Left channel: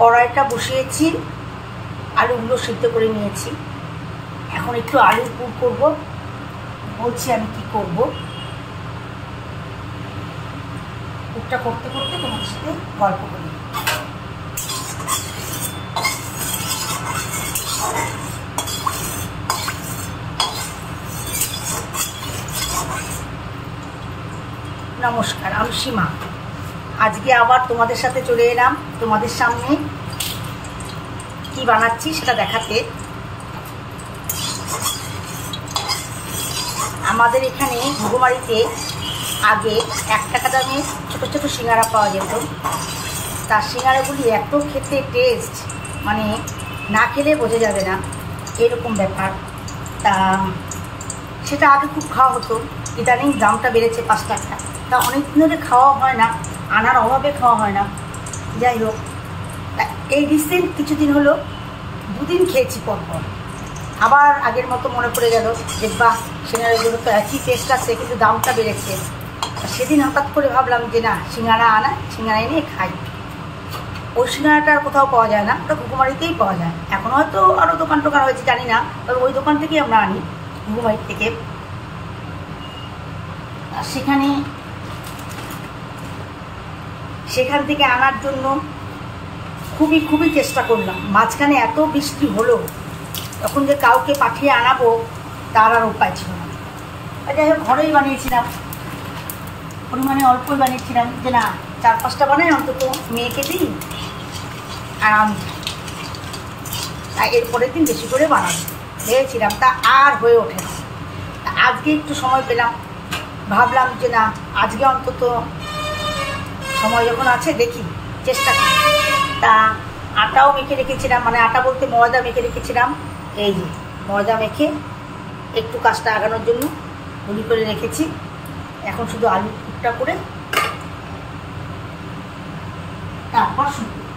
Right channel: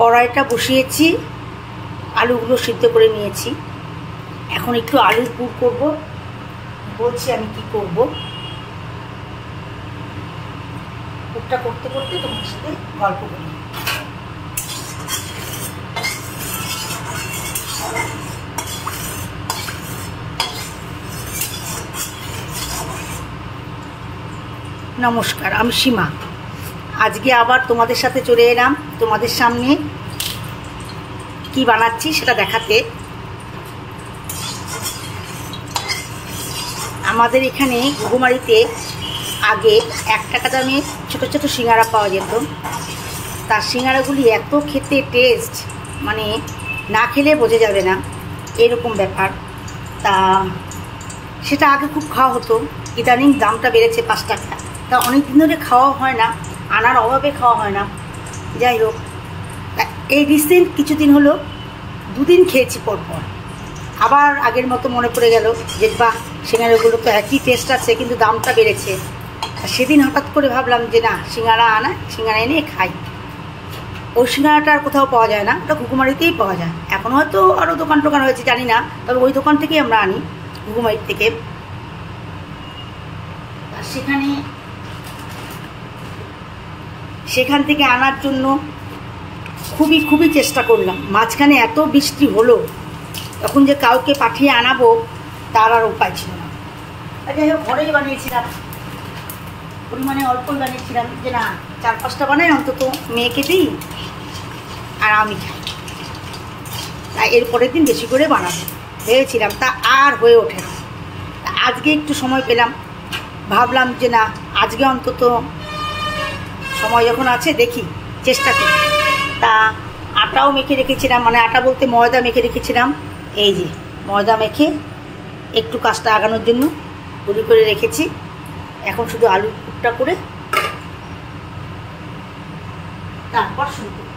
কড়াইটা বসিয়েছি, আলুগুলো সিদ্ধ করে নিয়েছি। এখন একটু আলুর পুর করবো, বলছি আমি কি করব। পুরটা করতে করতে তোমার সাথে গল্প করি। নমস্কার, আমি সীমা। আজকে আবার তোমাদের সাথে চলে এলাম তোমাদের সামনে কি বানাচ্ছি সেটা দেখাতে। আমাদের এখানে ঘুঘুমারিতে আগে 1 টাকা দামে ছোটো ছোটো সিঙ্গারা পাওয়া যেত। তার সিঙ্গারাগুলি এত খেতে টেস্ট, মানে না খেলে বোঝা যাবে না এরকম ব্যাপার। তা সেটা আগে খুব খাওয়া হতো, ইদানিং দামটা বেড়েছে 5 টাকা। তা অনেক দিন ধরে খাওয়া হয় না, আনার অভাবে খাওয়া হয় না। যাই হোক, এই রিসেন্ট কিছুদিন হলো 2 দিন খেয়েছি পরপর। আবার আগের মতো মনে পড়ে গেল যে বাহ, সিঙ্গারাগুলো তো একই টেস্ট আছে, কিন্তু দামটা বেড়েছে। সেদিন হঠাৎ করে ভাবলাম যে না, সিঙ্গারা এনে খাই। ওই সিঙ্গারাটা আর কোথাও পাওয়া যায় না, ওটা ঘুঘুমারিতেই পাওয়া যায়। এখন হয়তো আরও দোকান টোকান হয়েছে জানি না, তবে ওই দোকান থেকেই আমরা আনি, ঘুঘুমারির থেকে। আর সেখান থেকে আনার জন্য খুবই চেষ্টা করলাম। মাঝখানে এত বৃষ্টি হলো, তখন যে কাউকে পাঠিয়ে আনাবো তার আর উপায় ছিল না। যাই হোক, ঘরেই বানিয়েছিলাম, পরিমাণে অল্পই বানিয়েছিলাম, যে না 4-5টা বানাই অন্তত মেয়েকে দিই আর আমি খাই। তা এরপরের দিন বেশি করে বানাবো ভেবেছিলাম, তা আর হয়ে ওঠে না। আজকে একটু সময় পেলাম, ভাবলাম যে না, আজকে অন্তত সময় যখন আছে দেখি, চেষ্টা করি। তা আটাও মেখে রেখেছিলাম, মানে আটা বলতে ময়দা মেখে রেখেছিলাম। এই যে ময়দা মেখে একটু কাজটা আগানোর জন্য গুঁড়ি করে রেখেছি। এখন শুধু আলুর পুরটা করে তারপর শুরু করব।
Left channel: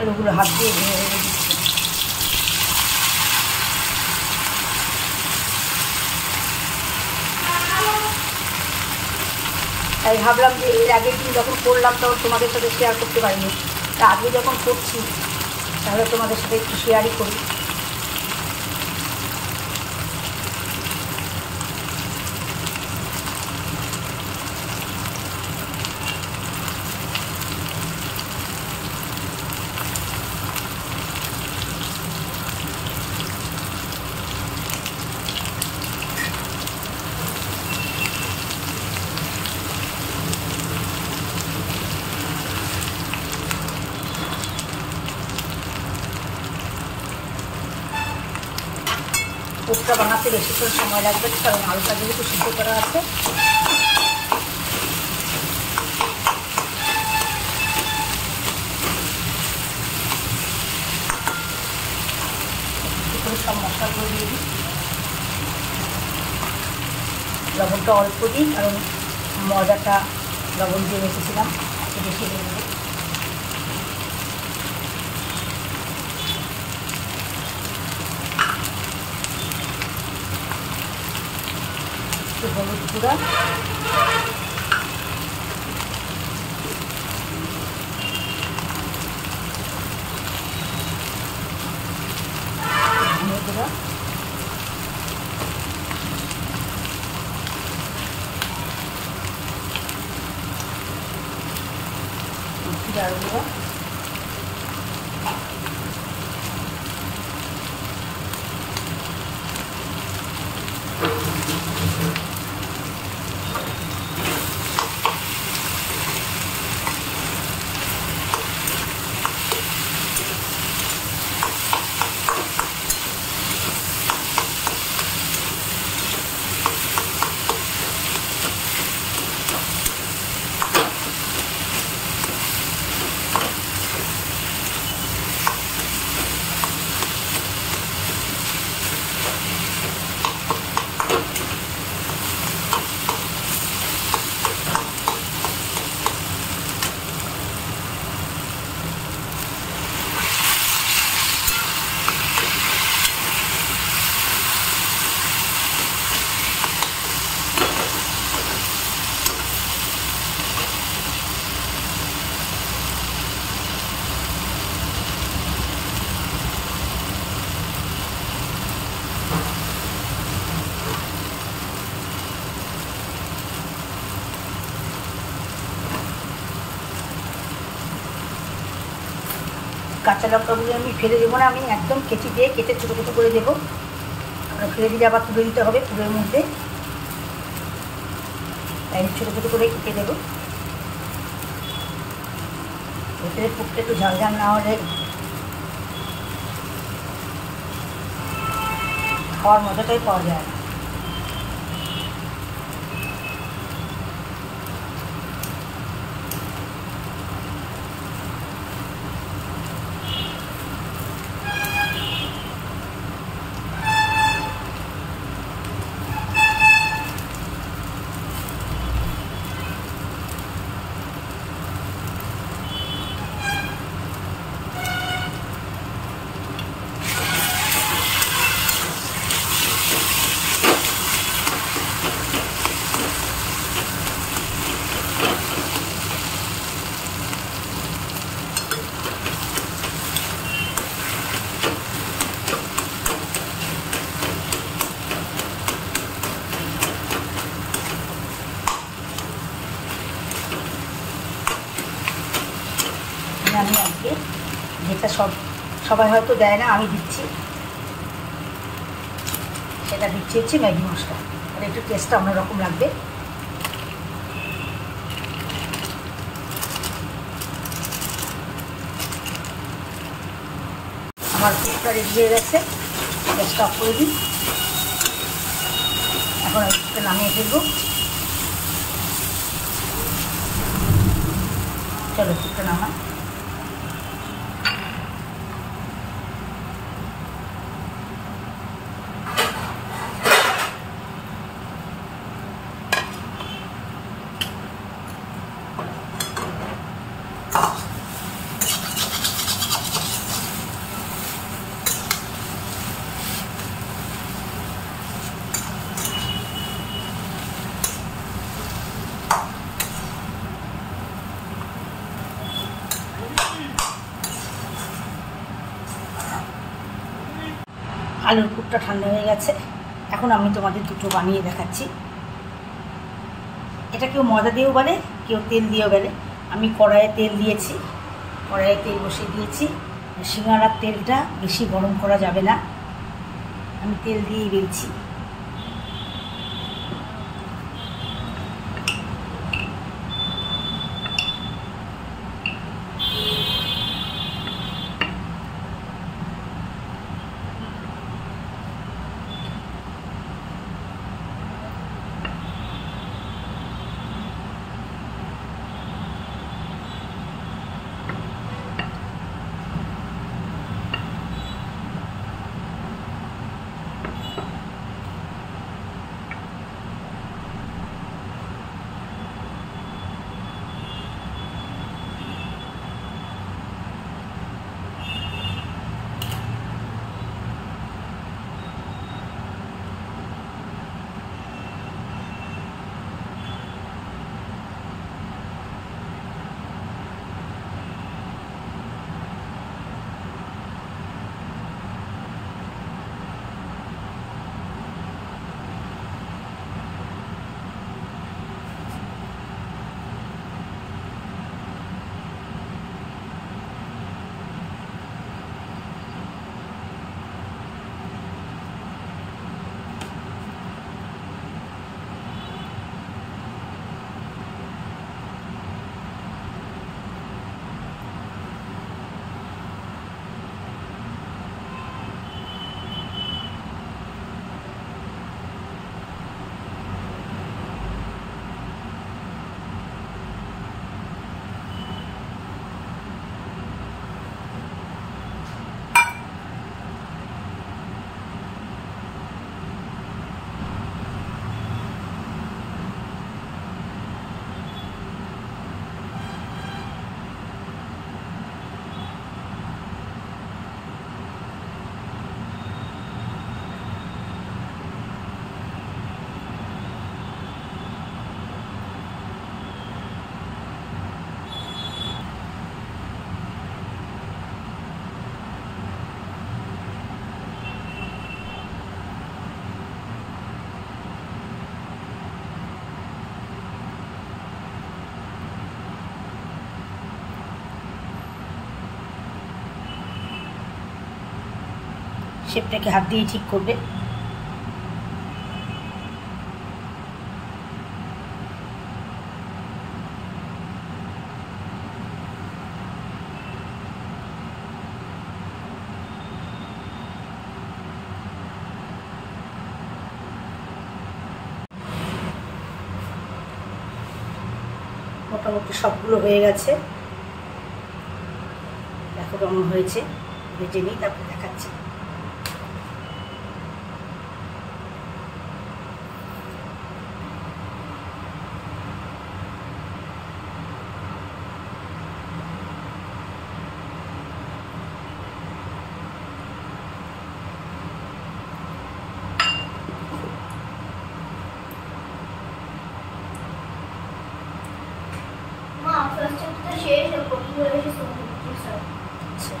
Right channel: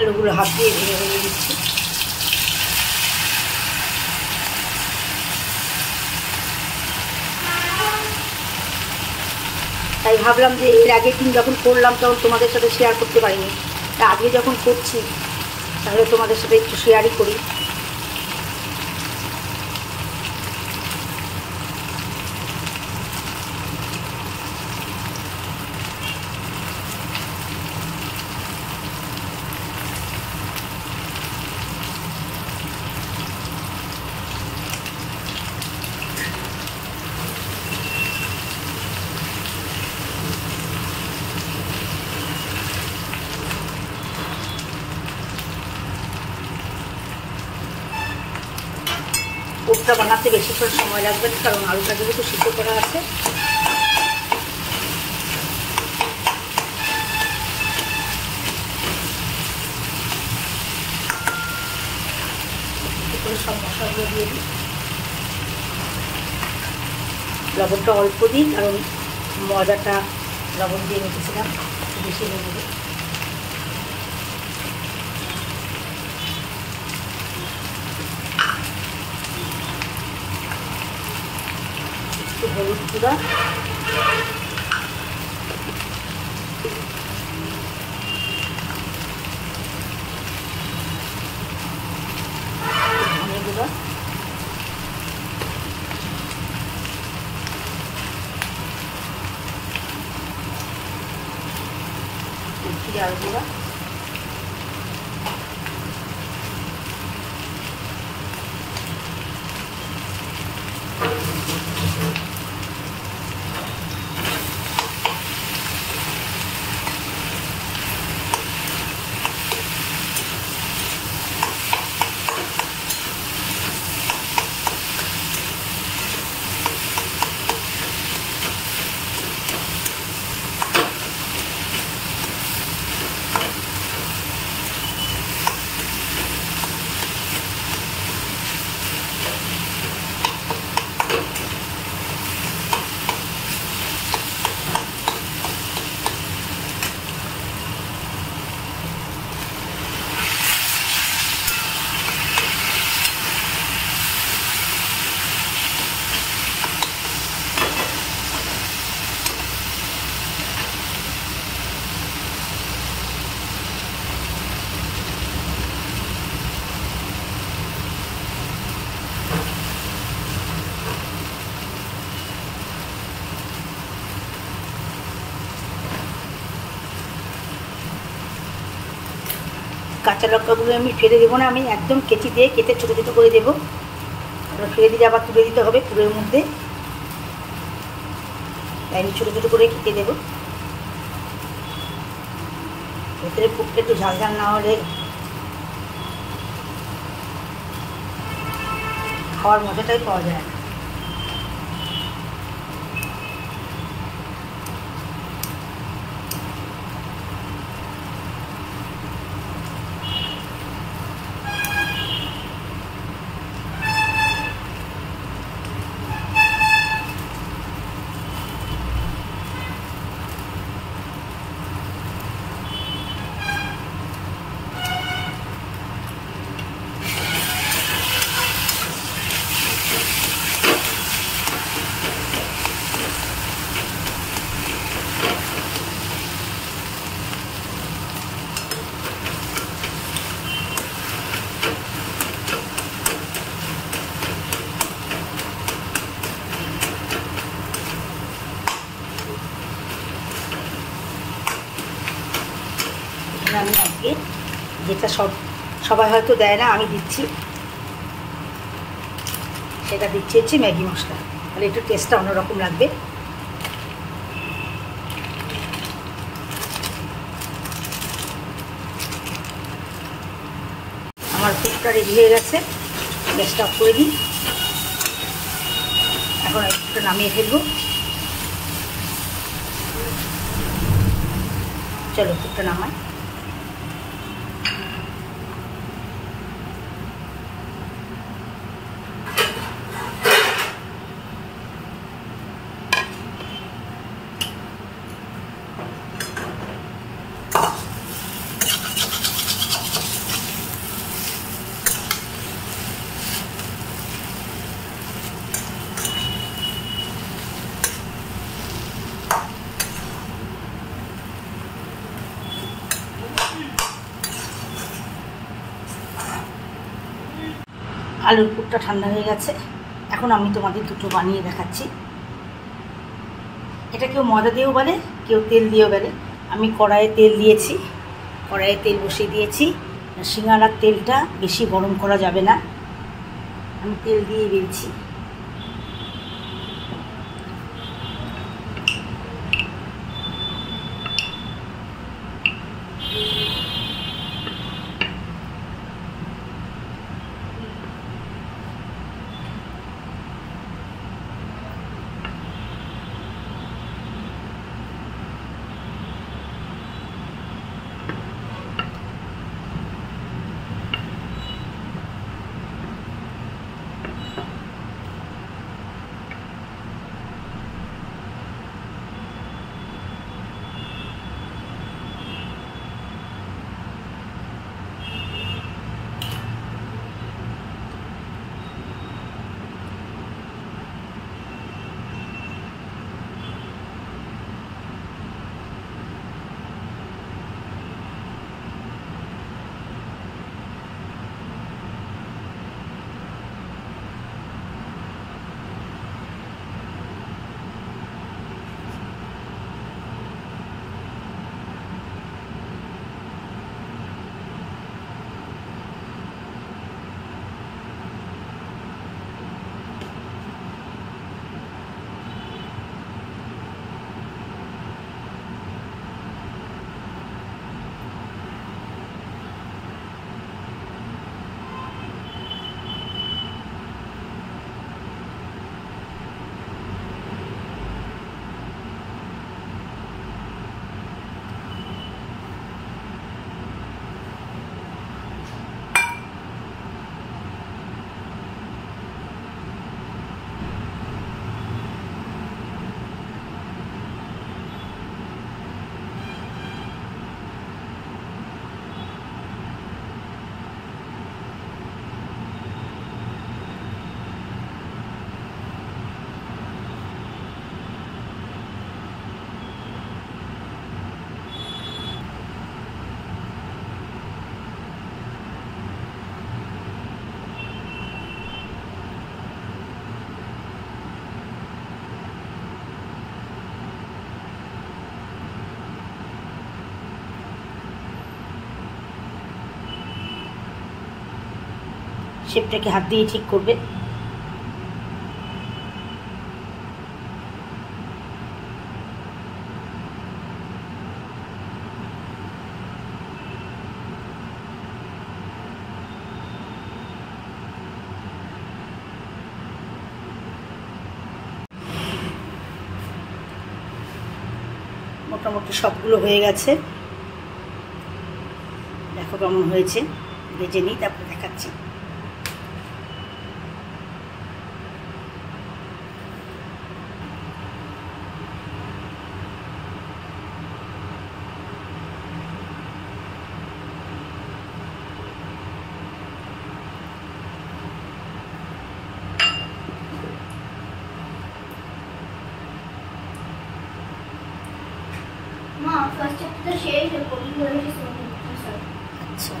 আলুগুলো হাত দিয়ে ভেঙে দিচ্ছি। তাই ভাবলাম যে এর আগের দিন যখন করলাম তখন তোমাদের সাথে শেয়ার করতে পারিনি, তা আজকে যখন করছি তাহলে তোমাদের সাথে একটু শেয়ারই করি। পুরটা বানাতে বেশিক্ষণ সময় লাগবে না, কারণ আলুটা যেহেতু সিদ্ধ করা আছে। সব মশলাগুলো দিয়ে দিই, লবণটা অল্প দিই, কারণ মজাটা লবণ দিয়ে রেখেছিলাম, বেশি দিয়ে দেবো। হলুদ গুঁড়া, জিরা গুঁড়া, কাঁচা লঙ্কাগুলো আমি ফেলে দেবো না, আমি একদম কেচি দিয়ে কেটে ছোটো ছোটো করে দেবো। ফেলে দিয়ে আবার তুলে দিতে হবে পুরের মধ্যে, তাই আমি ছোটো ছোটো করে কেটে দেবো। ভেতরে পুরটা একটু ঝাল ঝাল না হলে খাওয়ার মজাটাই পাওয়া যায় না। আমি আজকে যেটা সবাই হয়তো দেয় না, আমি দিচ্ছি, সেটা দিচ্ছি হচ্ছে ম্যাগি মশলা। তাহলে একটু টেস্টটা অন্যরকম লাগবে। আমার পুরটা রেডি হয়ে গেছে, গ্যাসটা অফ করে দিই। এখন আমি পুরটা নামিয়ে ফেলবো। চলো পুরটা নামাই। আলুর পুরটা ঠান্ডা হয়ে গেছে, এখন আমি তোমাদের দুটো বানিয়ে দেখাচ্ছি। এটা কেউ ময়দা দিয়েও বলে, কেউ তেল দিয়েও বলে। আমি কড়াইয়ে তেল দিয়েছি, কড়াইয়ে তেল বসিয়ে দিয়েছি। সিঙ্গাড়ার তেলটা বেশি গরম করা যাবে না, আমি তেল দিয়েই বেলছি। শেপটাকে হাত দিয়ে ঠিক করবে। মোটামুটি সবগুলো হয়ে গেছে, দেখো কেমন হয়েছে, ভেজে নিই তারপরে দেখাচ্ছি। আচ্ছা,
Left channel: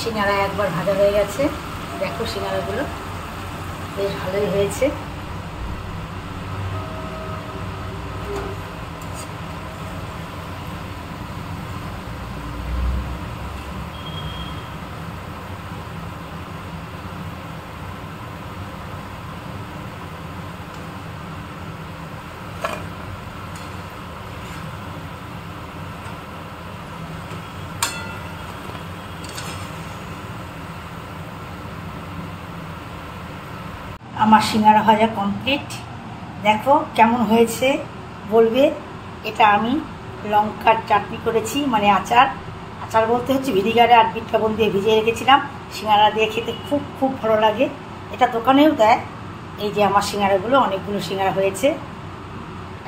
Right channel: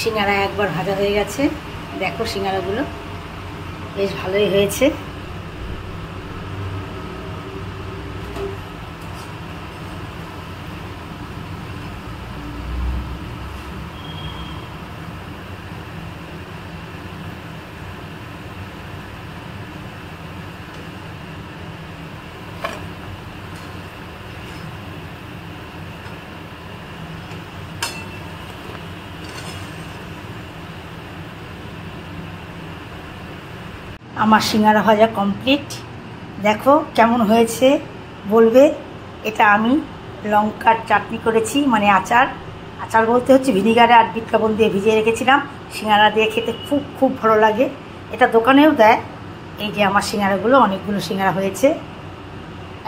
সিঙ্গারা একবার ভাজা হয়ে গেছে, দেখো সিঙ্গারাগুলো বেশ ভালোই হয়েছে। আমার সিঙ্গারা ভাজা কমপ্লিট, দেখো কেমন হয়েছে বলবে। এটা আমি লঙ্কার চাটনি করেছি, মানে আচার। আচার বলতে হচ্ছে ভিনিগারে আর বিট লবণ দিয়ে ভিজিয়ে রেখেছিলাম। সিঙ্গারা দিয়ে খেতে খুব খুব ভালো লাগে, এটা দোকানেও দেয়। এই যে আমার সিঙ্গারাগুলো, অনেকগুলো সিঙ্গারা হয়েছে।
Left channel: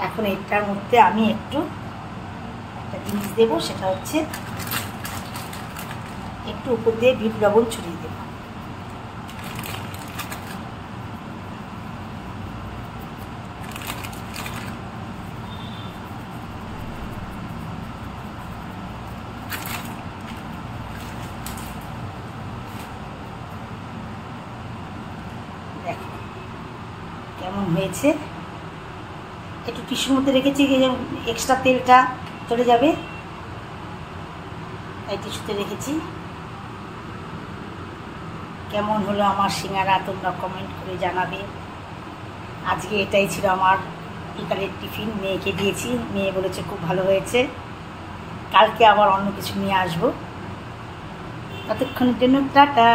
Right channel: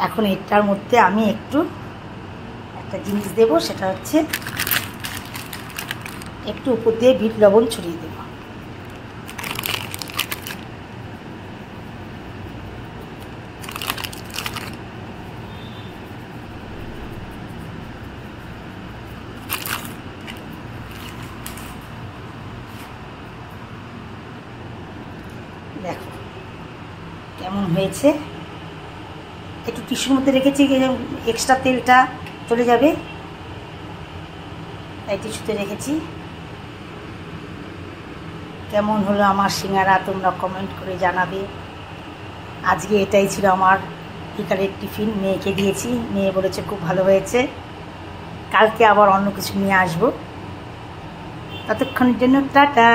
এখন এটার মধ্যে আমি একটু একটা জিনিস দেবো, সেটা হচ্ছে একটু উপর দিয়ে বিট লবণ ছড়িয়ে দেবো। দেখো কেমন হয়েছে, একটু টিস্যুর মধ্যে রেখেছি, এক্সট্রা তেলটা চলে যাবে, তাই টিস্যুতে রেখেছি। কেমন হলো আমার সিঙ্গারা তোমরা কমেন্ট করে জানাবে। আজকে এটাই ছিল আমার বিকালের টিফিন, মেয়েকে দিয়েছি, মেয়ে বলেছে খুব ভালো হয়েছে। কালকে আবার অন্য কিছু নিয়ে আসবো, ততক্ষণের জন্য টাটা।